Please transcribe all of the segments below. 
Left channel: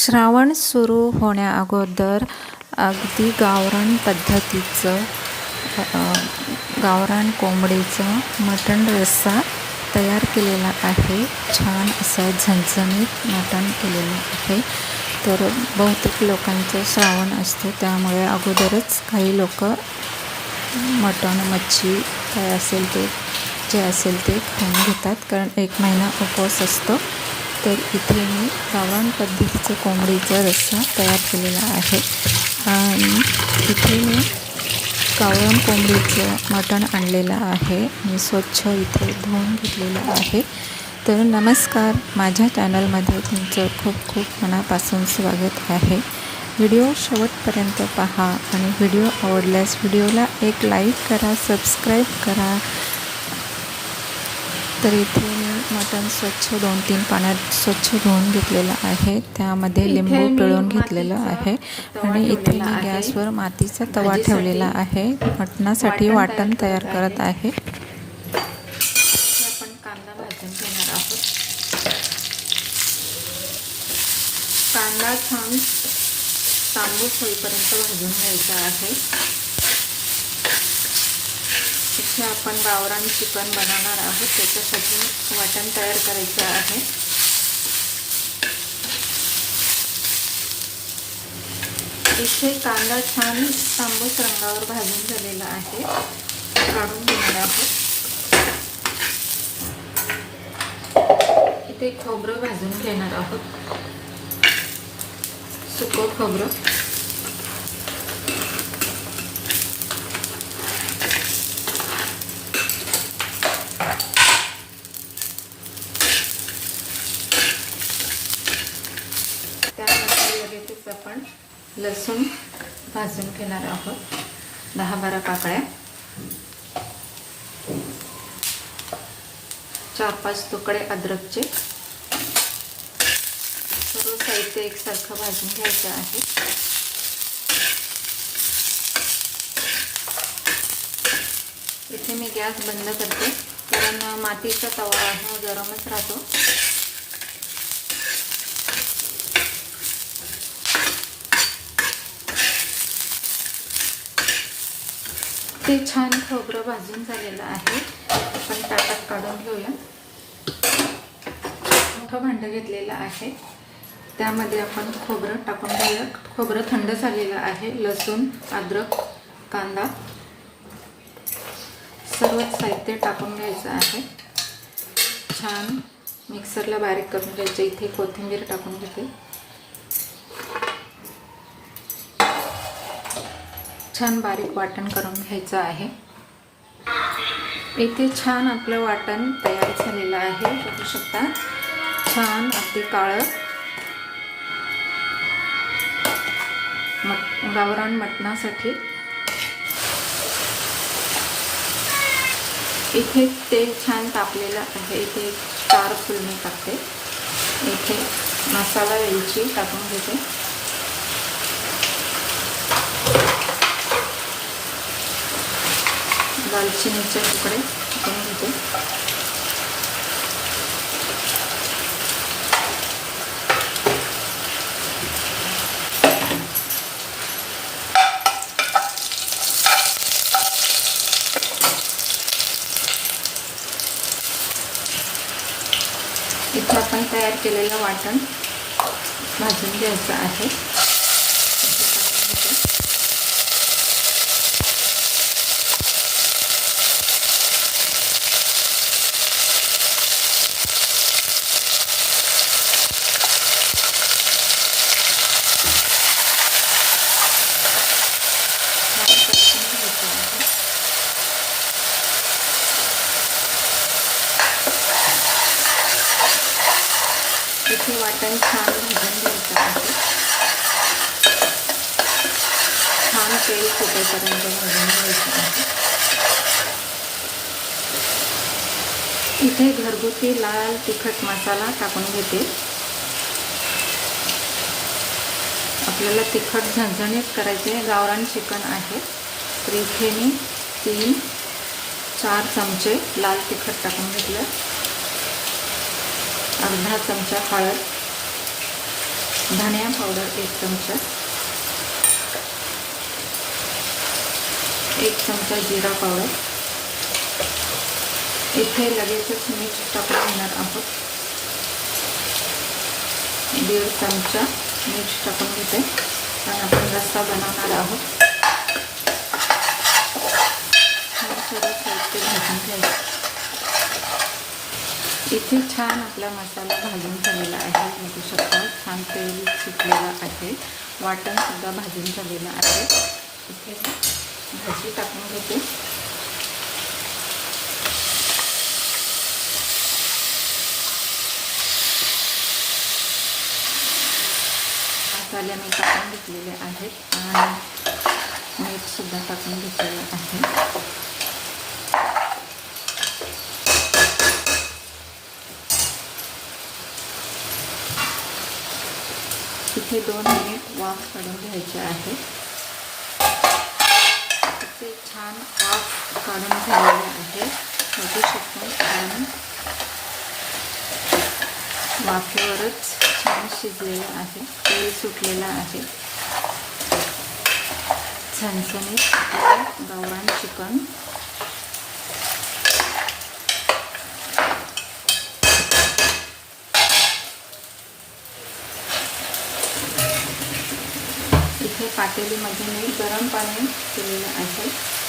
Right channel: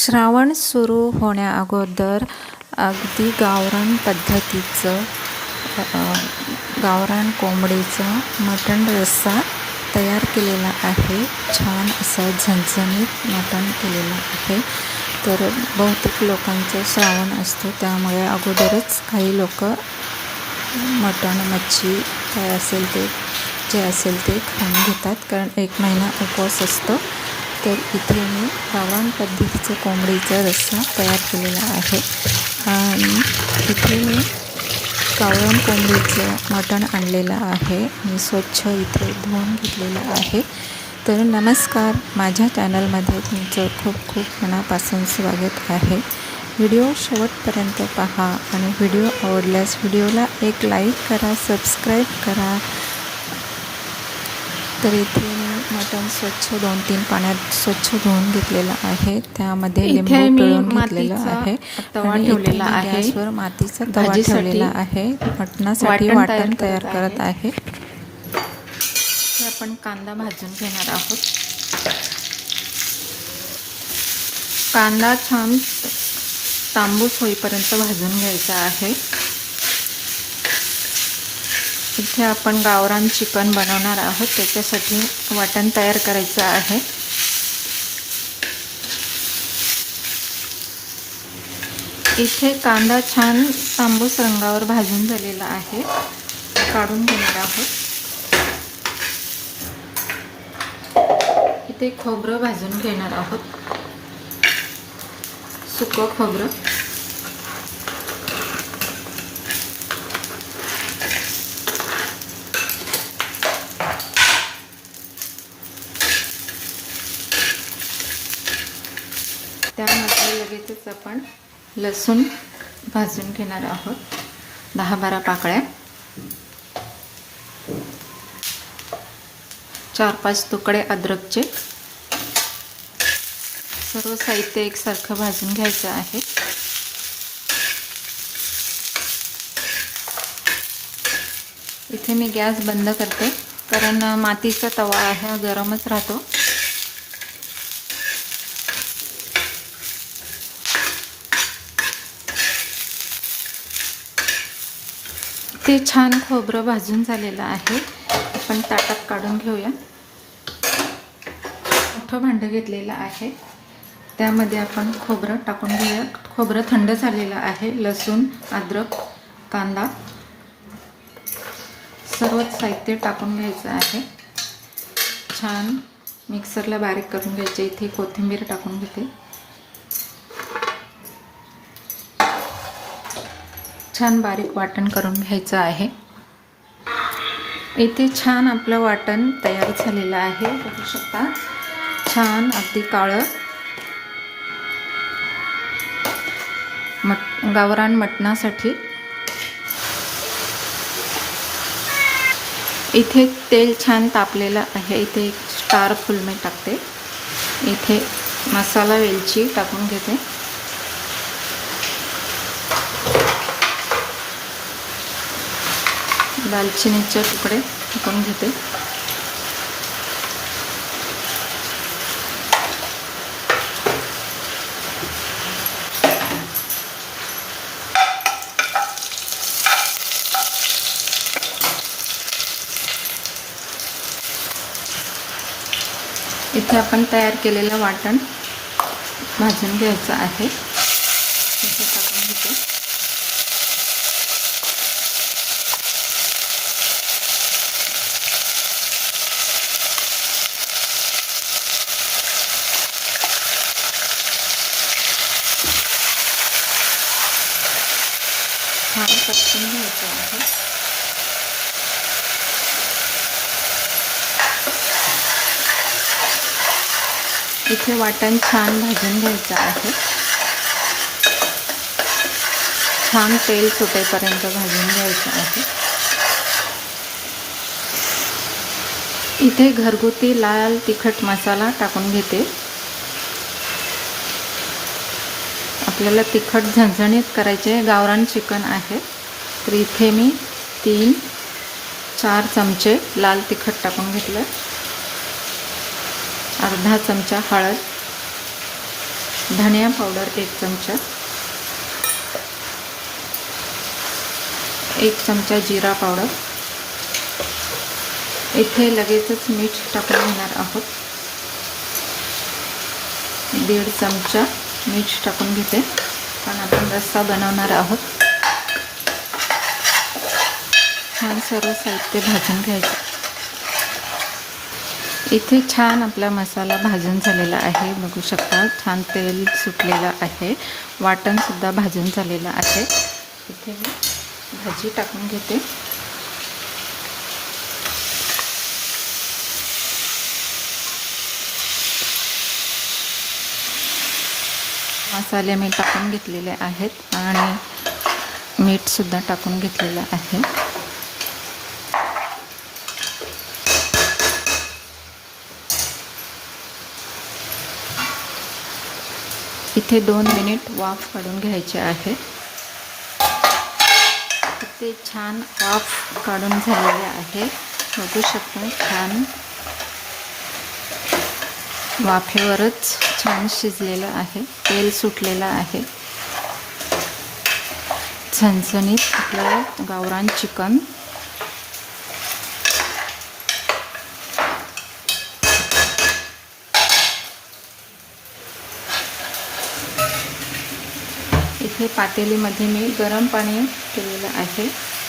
श्रावण सुरू होण्याअगोदर अगदी गावरान पद्धतीचं गावरान कोंबडीचं मटण रस्सा तयार केलेला आहे. छान असं झणझणीत मटण केलेलं आहे. तर बहुतेक लोकांचं श्रावण असतो, त्यामुळे अगोदरच काही लोक मटण मच्छी काय असेल ते जे असेल ते खाऊन घेतात, कारण 1 महिना उपवास असतो. तर इथे मी गावरान पद्धतीचं कोंबडीचा रस्सा तयार केलेला आहे आणि इथे मी गावरान कोंबडीचं मटण आणलेलं आहे. मी स्वच्छ इथे धुवून घेतलेलं आहे. तर नमस्कार, माझ्या चॅनलमध्ये तुमचं खूप खूप मनापासून स्वागत आहे. व्हिडिओ शेवटपर्यंत पहा आणि व्हिडिओ आवडल्यास व्हिडिओला एक लाईक करा, सबस्क्राईब करा. तर इथे मी मटण स्वच्छ 2-3 पाण्यात स्वच्छ धुवून घेतलेलं आहे. त्यामध्ये लिंबू पिळून घेतलेलं आहे आणि इथे मी गॅसवर मातीचा तवा ठेवलेला आहे. मटणासाठी वाटण तयार करत आहे. आपण कांदा भाजून घेणार आहोत. कांदा छान तांबूस होईपर्यंत भाजून घ्यायचा आहे. इथे आपण गावरान चिकन बनवणार आहोत, त्याच्यासाठी वाटण तयार करायचं आहे. इथे कांदा छान तांबूस रंगावर भाजून झालेला आहे, काढून घेणार आहोत. इथे खोबरं भाजून घेणार आहोत, सुकं खोबरं. त्यानंतर लगेचच आपण लसूण भाजून घेणार आहोत, 10-12 पाकळ्या. 4-5 तुकडे अद्रकचे. सर्व साहित्य एकसारखं भाजून घ्यायचं आहे. इथे मी गॅस बंद करते, कारण मातीचा तवा आहे, गरमच राहतो. ते छान खोबरं भाजून झालेलं आहे. आपण ताटात काढून घेऊया. मोठं भांडं घेतलेलं आहे, त्यामध्ये आपण खोबरं टाकून घेऊया. खोबरं थंड झालेलं आहे. लसूण, अद्रक, कांदा सर्वच साहित्य टाकून घ्यायचं आहे. छान मिक्सरला बारीक करून घ्यायचे. इथे कोथिंबीर टाकून घेते. छान बारीक वाटण करून घ्यायचं आहे. इथे छान आपलं वाटण तयार झालेलं आहे, बघू शकता. छान अगदी काळं गावरान मटणासाठी. इथे तेल छान तापलेलं आहे. इथे एक स्टार फुलमे टाकते. इथे मसाला वेलची टाकून घेते. दालचिनीचे तुकडे टाकून घेते. इथे आपण तयार केलेलं वाटण भाजून घ्यायचं आहे. इथे वाटण छान भाजून घ्यायचं आहे. छान तेल सुटेपर्यंत भाजून घ्यायचं आहे. इथे घरगुती लाल तिखट मसाला टाकून घेते. आपल्याला तिखट झणझणीत करायचे. गावरान चिकन आहे, तर इथे मी 3-4 चमचे लाल तिखट टाकून घेतलं. अर्धा चमचा हळद, धनिया पावडर 1 चमचा, 1 चमचा जिरा पावडर, इथे लगेचच मीठ टाकून घेणार आहोत, 1.5 चमचा मीठ टाकून घेते, कारण आपण रस्सा बनवणार आहोत। छान सर्व साहित्य भाजून घ्यायचं। इथे छान आपला मसाला भाजून झालेला आहे, बघू शकता छान तेल सुटलेलं आहे, वाटण सुद्धा भाजून झालेलं आहे। इथे भाजी टाकून घेते, मसाले मी टाकून घेतलेले आहेत आणि मीठ सुद्धा टाकून घेतलेलं आहे। इथे 2 मिनिट वाफ काढून घ्यायचे आहे। इथे छान वाफ काढून झालेले आहे, बघू शकता छान वाफेवरच छान शिजलेलं आहे, तेल सुटलेलं आहे। झणझणीत आपलं गावरान चिकन इथे पातेलीमध्ये मी गरम पाणी ठेवलेलं आहे,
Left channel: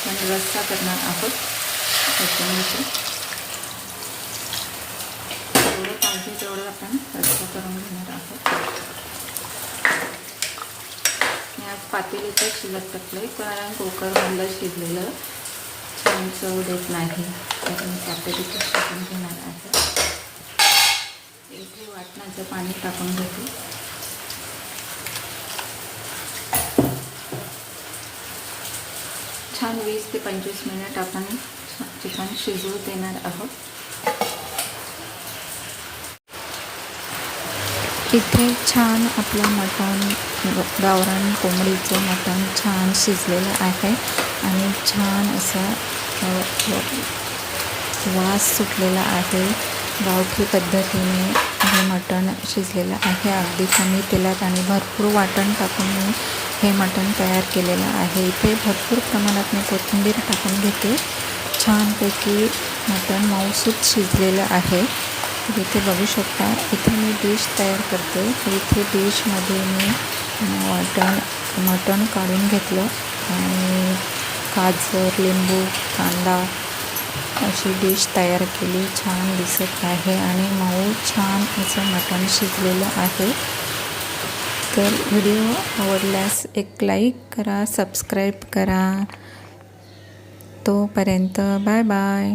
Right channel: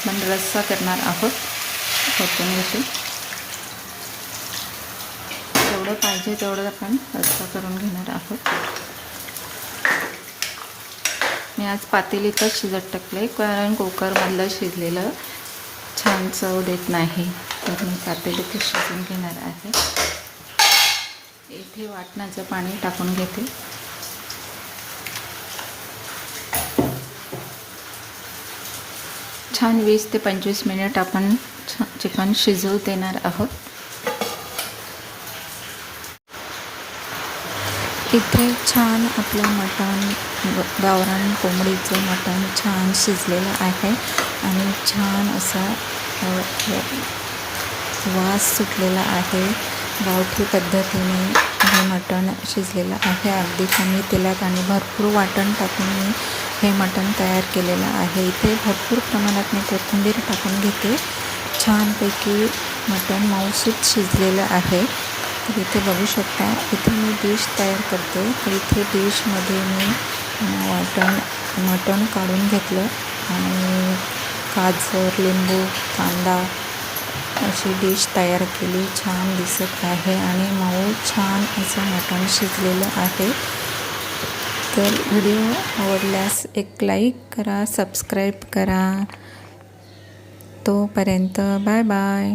म्हणजे रस्सा करणार आहोत। त्याच्यामध्ये जेवढं पाहिजे तेवढं आपण रस्सा करून घेणार आहोत। मी आज पातेलीतच शिजत टाकले, कारण कुकरमधलं शिजलेलं छान चव देत नाही, तर मी पातेलीतच शिजून घेणार आहे। इथे वाटणाचं पाणी टाकून घेते, छान 20 ते 25 मिनिट आपण चिकन शिजवू देणार आहोत। इथे छान आपलं मटण, गावरान कोंबडीचं मटण छान शिजलेलं आहे आणि छान असा वास सुटलेला आहे। गावठी पद्धतीने हे मटण शिजलेलं आहे, अगदी कमी तेलात आणि भरपूर वाटण टाकून मी हे मटण तयार केलेलं आहे। इथे भरपूर प्रमाणात मी कोथिंबीर टाकून घेते, छानपैकी मटण मऊसूत शिजलेलं आहे। तर इथे बघू शकता, इथे मी डिश तयार करते, तर इथे डिशमध्ये मी मटण काढून घेतलं आणि गाजर, लिंबू, कांदा अशी डिश तयार केली, छान दिसत आहे आणि मऊ छान असं मटण शिजलेलं आहे। तर व्हिडिओ आवडल्यास एक लाईक करा, सबस्क्राईब करा। तोपर्यंत बाय बाय।